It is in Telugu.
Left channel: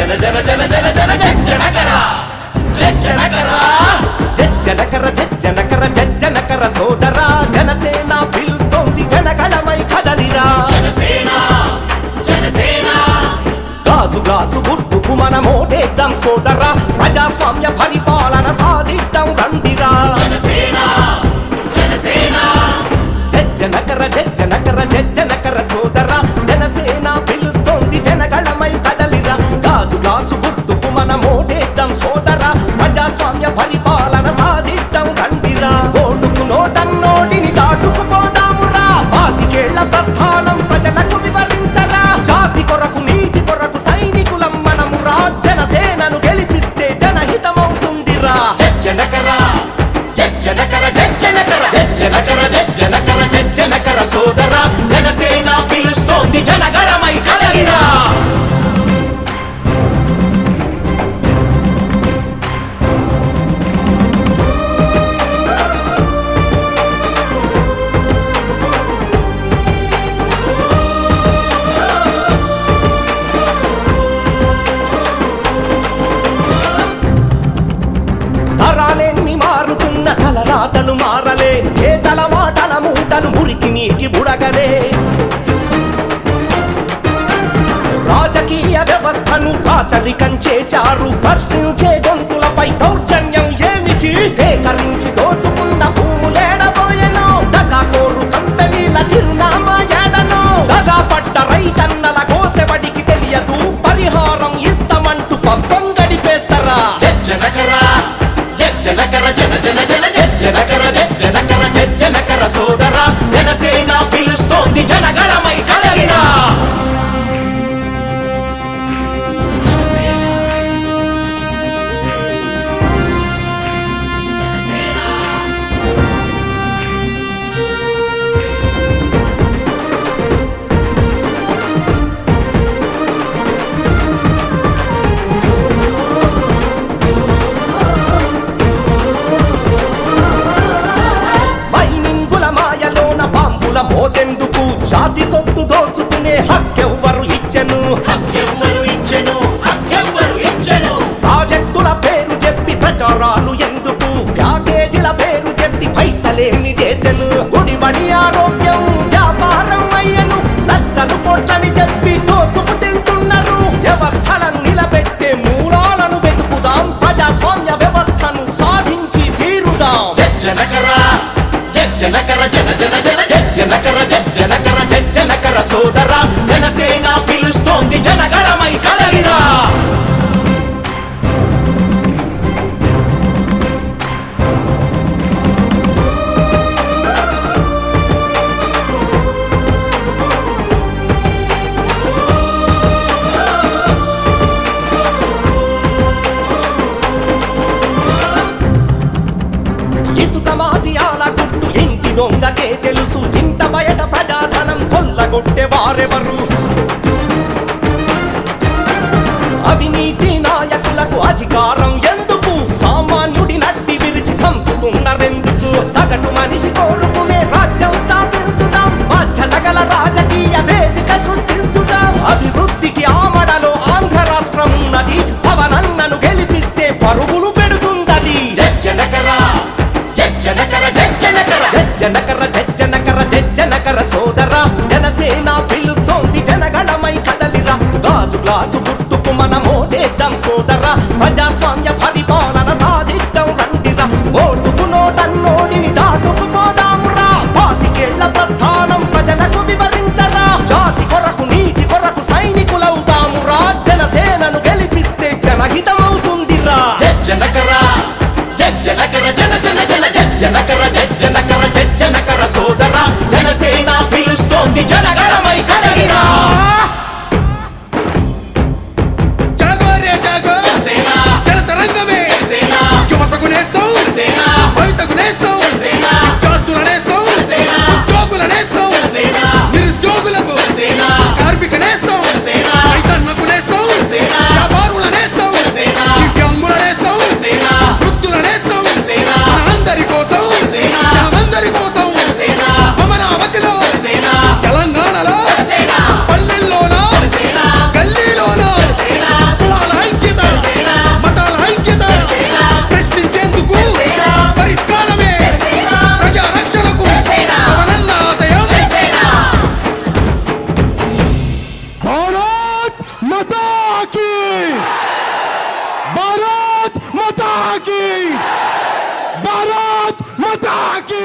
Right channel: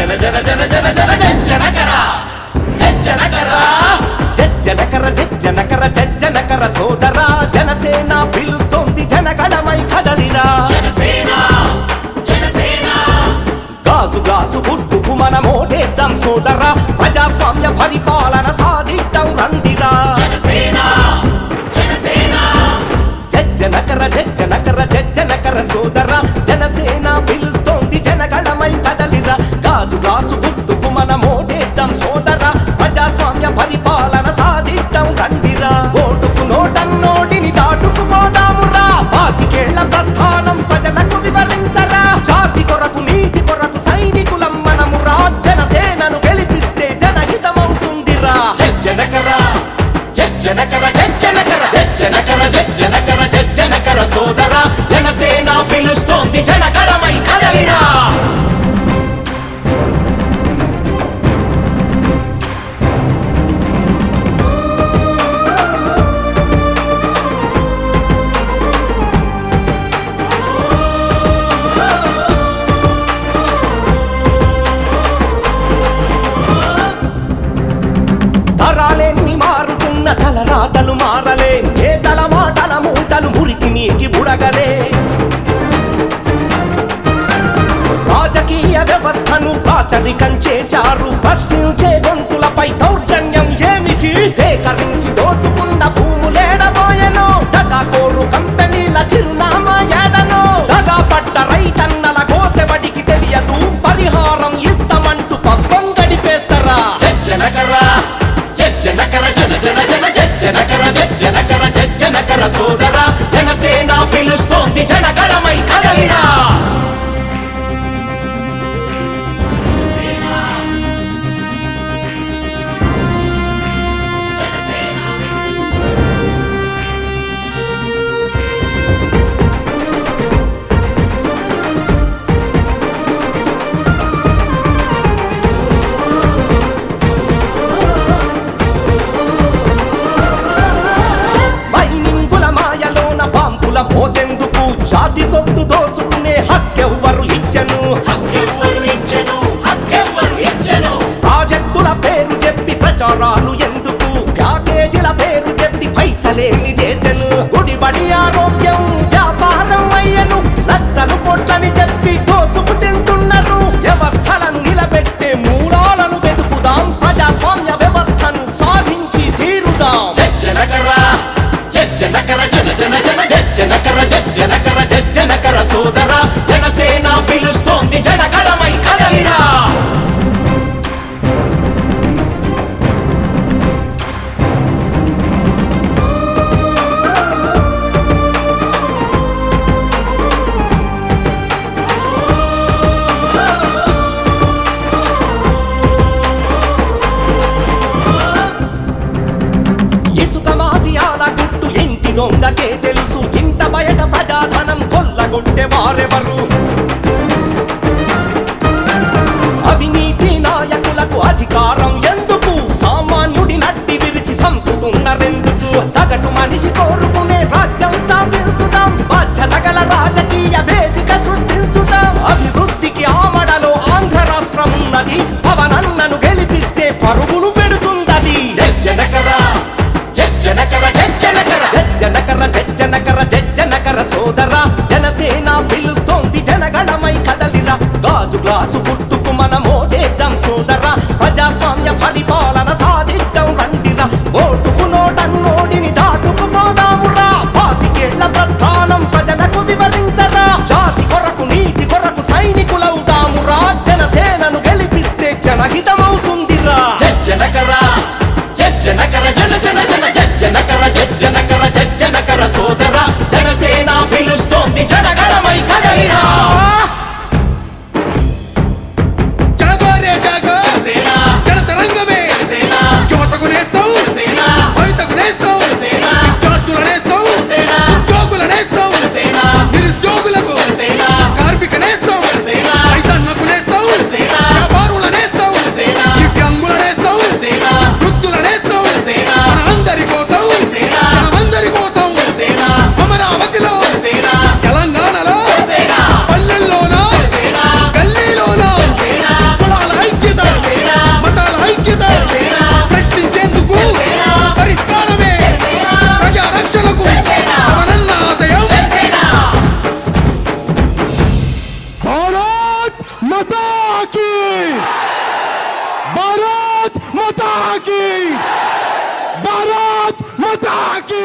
జన జన జన జన జన జనకర జనకర జనకర సోదరా జనసేన పిలుస్తోంది జనగళమై కదలిరా గాజు గ్లాసు గుర్తుకు మనం ఓటేద్దాం సోదరా ప్రజాస్వామ్య పరిపాలన సాధిద్దాం రండిరా జనకర సోదరా జనసేన పిలుస్తోంది జనగళమై కదలిరా గాజు గ్లాసు గుర్తుకు మనం ఓటేద్దాం సోదరా ప్రజాస్వామ్య పరిపాలన సాధిద్దాం రండిరా ఓటుకు నోటన్నోడిని దాటుకుపోదామురా పాతికేళ్ల ప్రస్థానం ప్రజలకు వివరించరా జాతి కొరకు నీతి కొరకు సైనికులం మనమురా జనసేనను గెలిపిస్తే జనహితమవుతుందిరా జనకర జనకర సోదరా జనసేన పిలుస్తోంది జనగళమై కదలిరా తరాలెన్ని మారుతున్న తలరాతలు మారలే నేతల మాటల మూటలు మురికి నీటి బుడగలే రాజకీయ వ్యవస్థను రాచరికం చేశారు ప్రశ్నించే గొంతులపై దౌర్జన్యం ఏమిటి సేకరించి దోచుకున్న భూములేడబోయెనో దగాకోరు కంపెనీల చిరునామా ఏడనో దగా పడ్డ రైతన్నల కోసెబడికి తెలియదు పరిహారం ఇస్తామంటూ పబ్బం గడిపేస్తారా జనకర జనకర సోదరా జనసేన పిలుస్తోంది జనగళమై కదలిరా మాయలోన బాంబుల మోతెందుకు జాతి సొత్తు దోచుకునే హక్కెవ్వరు ఇచ్చెను ప్రాజెక్టుల పేరు చెప్పి ప్రచారాలు ఎందుకు ప్యాకేజీల పేరు చెప్పి పైసలేమి చేసెను గుడిబడి ఆరోగ్యం వ్యాపారం అయ్యను లచ్చలు కోట్లని చెప్పి దోచుకు తింటున్నారు వ్యవస్థలను నిలబెట్టే మూలాలను వెతుకుదాం ప్రజాస్వామ్య వ్యవస్థను సాధించి తీరుదాం జనకర సోదరా జనసేన పిలుస్తోంది జనగళమై కదలిరా ఇసుక మాఫియాల గుట్టు ఇంటి దొంగకే తెలుసు ఇంట బయట ప్రజాధనం కొల్లగొట్టే వారెవరు అవినీతి నాయకులకు అధికారం ఎందుకు సామాన్యుడి నడ్డి విరిచి సంపుతున్నారెందుకు సగటు మనిషి కోరుకునే రాజ్యం స్థాపించుదాం బాధ్యత గల రాజకీయ వేదిక సృష్టించుదాం అభివృద్ధికి ఆమడలో ఆంధ్ర రాష్ట్రం ఉన్నది పవనన్నను గెలిపిస్తే పరుగులు పెడుతుందది జనకర సోదరా జనసేన పిలుస్తోంది జనగళమై కదలిరా గాజు గ్లాసు గుర్తుకు మనం ఓటేద్దాం సోదరా ప్రజాస్వామ్య పరిపాలన సాధిద్దాం రండిరా ఓటుకు నోటన్నోడిని దాటుకుపోదామురా పాతికేళ్ల ప్రస్థానం ప్రజలకు వివరించరా జాతి కొరకు నీతి కొరకు సైనికులవుదామురా జనసేనను గెలిపిస్తే జనహితమవుతుందిరా జనకర సోదరా జనసేన పిలుస్తోంది జనగళమై కదలిరా జాగోరే జాగో జనతరంగమే యువతకు నేస్తాం భవితకు నేస్తాం విద్యార్థుల నేస్తాం ఉద్యోగుల నేస్తాం నిరుద్యోగులకు కార్మిక నేస్తాం రైతన్నకు నేస్తాం వ్యాపారుల నేస్తాం దివ్యాంగుల నేస్తాం వృద్ధుల నేస్తాం మన అందరి కోసం జనమందరి కోసం అమరావతిలో తెలంగాణలో పల్లెల్లోన గల్లీలోన కులాల మాతా కీ భారత్ మాతా కీ